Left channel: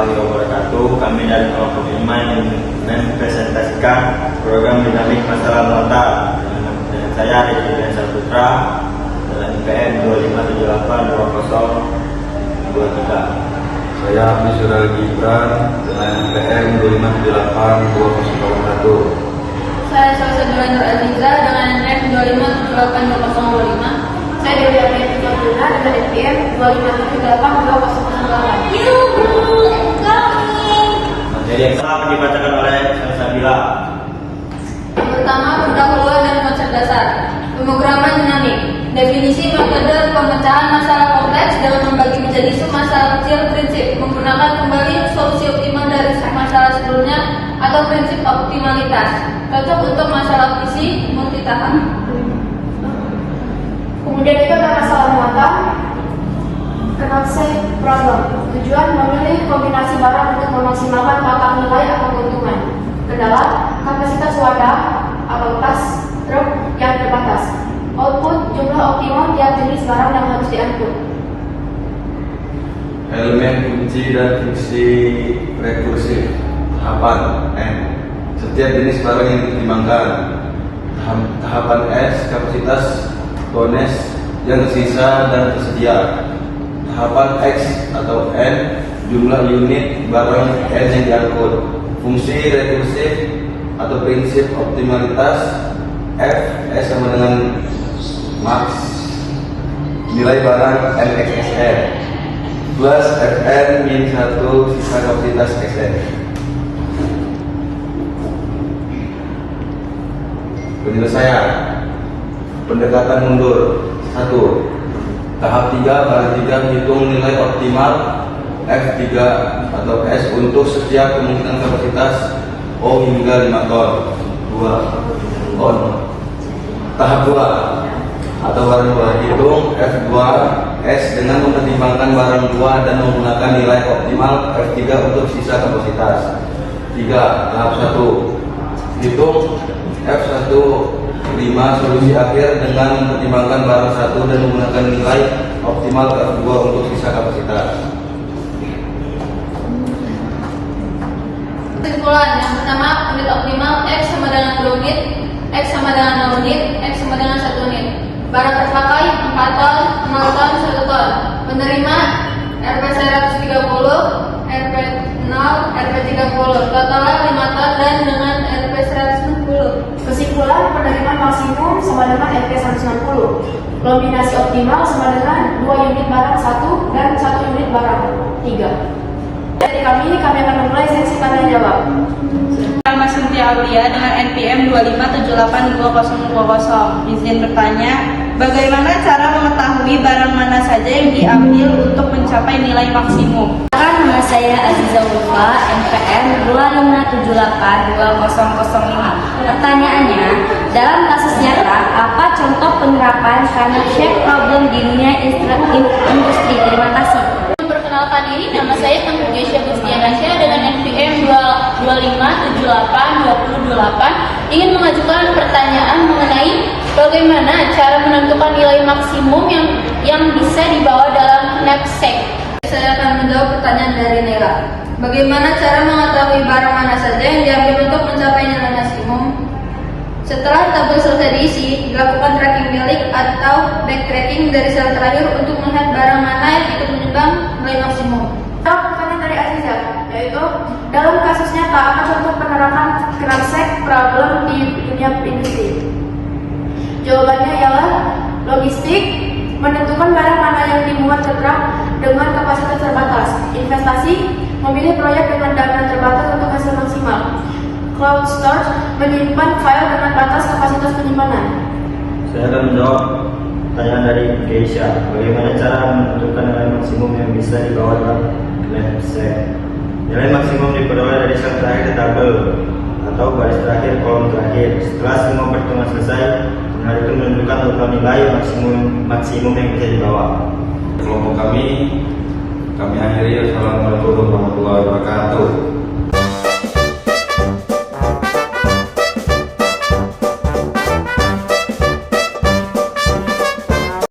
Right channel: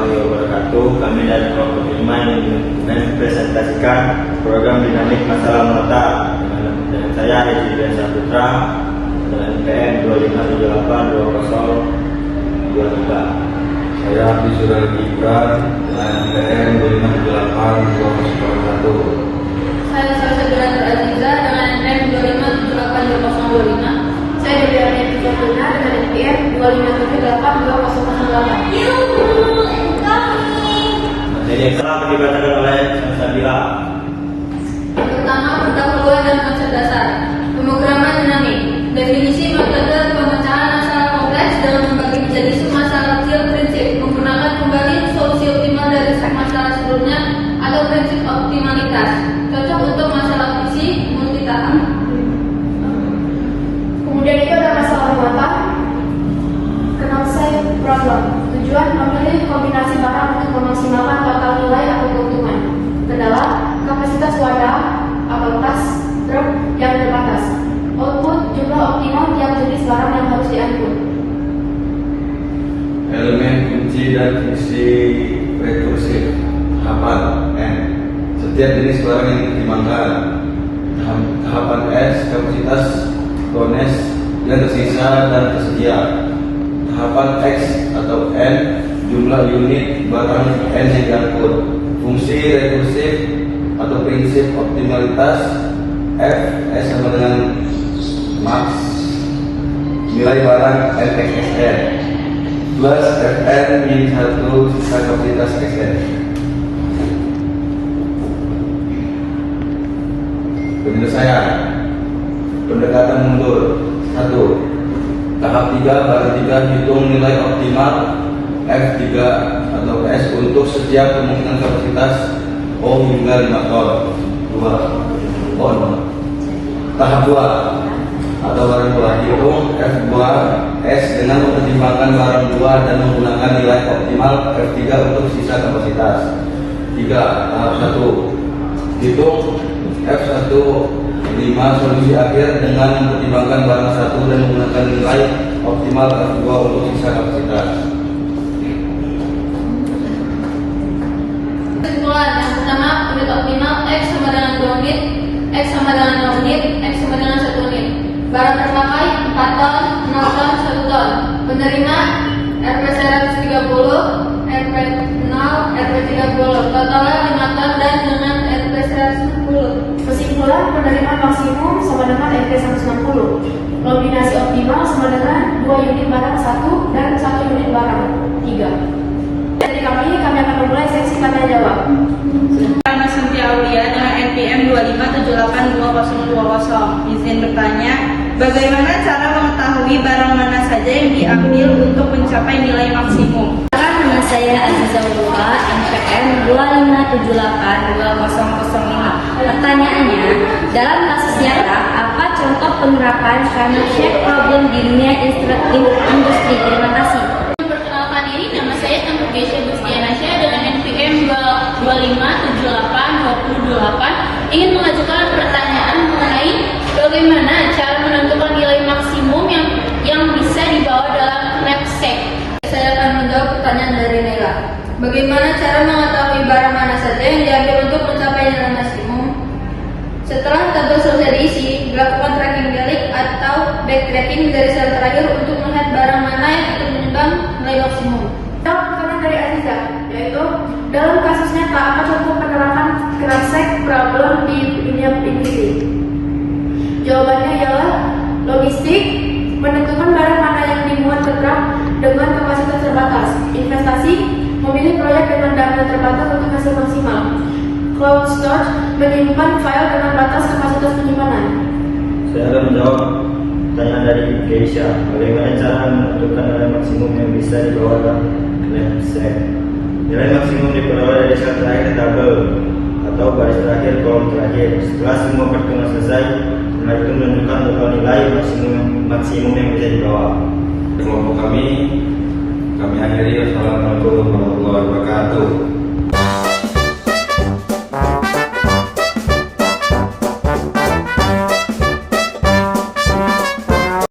warahmatullahi wabarakatuh. Kami dari kelompok 5 yang mempresentasikan program dinamik masalah muatan dengan saya Rezi Brian Saputra dalam IPM 25782023. Saya Abdisura Gibran dengan IPM 25782001. Saya Salsa Nur Aziza dengan NM 25782025. Saya dari NM 35 dengan NPM 25782008. Materi yang telah dibacakan oleh Sabila. Pertama, pendahuluan dan konsep dasar. Pemrograman dinamik. Definisi metode pemecahan masalah kompleks dalam membagi menjadi submasalah kecil prinsip menggunakan kembali solusi optimal dari masalah sebelumnya atau prinsip optimalitas. Cocok untuk masalah visi multitahap. Kemudian itu ada masalah muatan, konsep problem. Tujuan memilih kombinasi barang untuk memaksimalkan total nilai atau keuntungan. Kendala, kapasitas wadah atau tas truk yang terbatas. Output, jumlah optimum tiap jenis barang yang harus diangkut. Elemen kunci dan fungsi rekursif. Tahapan N. Setiap jenis barang yang ditimbangkan. Tahapan S. Kapasitas bonus yang tersisa dan tersedia. Tahapan X atau M. Jumlah unit barang N yang diangkut. Fungsi rekursif atau prinsip optimalitas. F. S sama dengan max nilai barang NXSN plus FN min 1 sisa kapasitas XN. Penyelesaian pendekatan mundur. 1. Tahap 3 baris 3 hitung nilai optimal F3 atau S untuk setiap kemungkinan kapasitas O hingga 5 ton. 2. On. Tahap 2 atau barang 2 hitung F2 S dengan mempertimbangkan barang 2 dan menggunakan nilai optimal F3 untuk sisa kapasitas. 3. Tahap 1 hitung F1 5 solusi akhir dengan mempertimbangkan barang 1 dan menggunakan nilai optimal F2 untuk sisa kapasitas. Kesimpulan yang pertama, unit optimal X sama dengan 2 unit, X sama dengan 0 unit, X sama dengan 1 unit. Barang terpakai 4 ton, 0 ton, 1 ton. Penerima RP 130, RP 0, RP 30. Total 5 ton dan dengan RP 110. Kesimpulan, penerima maksimum sama dengan RP 160. Kombinasi optimal sama dengan 2 unit barang 1 dan 1 unit barang 3. Dari kami akan memulai sesi tanya jawab. Nama Cynthia Aulia dengan NPM 25782020. Izin bertanya, bagaimana cara mengetahui barang mana saja yang diambil untuk mencapai nilai maksimum? Nama saya Aziza Ulfa, NPM 25782005. Pertanyaannya, dalam kasus nyata, apa contoh penerapan connected problem di dunia industri? Terima kasih. Perkenalkan diri, nama saya Tengku Jesya Bustianasya dengan NPM 25782028 ingin mengajukan pertanyaan mengenai bagaimana cara menentukan nilai maksimum yang bisa dibawa dalam knapsack. Saya akan menjawab pertanyaan dari Nela. Bagaimana cara mengetahui barang mana saja yang diambil untuk mencapai nilai maksimum? Setelah tabel selesai diisi, dilakukan tracking balik atau backtracking dari sel terakhir untuk melihat barang mana yang ikut menyumbang nilai maksimum. Pertanyaan dari Aziza, yaitu dalam kasus nyata apa contoh penerapan knapsack problem di dunia industri? Jawabannya ialah logistik, menentukan barang mana yang dimuat ke truk dengan kapasitas terbatas, investasi, memilih proyek dengan dana terbatas untuk hasil maksimal, cloud storage, menyimpan file dengan batas kapasitas penyimpanan. Saya akan menjawab pertanyaan dari Keisha. Bagaimana cara menentukan nilai maksimum yang bisa dibawa dalam knapsack? Nilai maksimum diperoleh dari sel terakhir tabel atau baris terakhir kolom terakhir. Setelah semua perhitungan selesai, nah itu menentukan total nilai maksimum yang bisa dibawa. Kelompok kami akhiri. Assalamualaikum warahmatullahi wabarakatuh.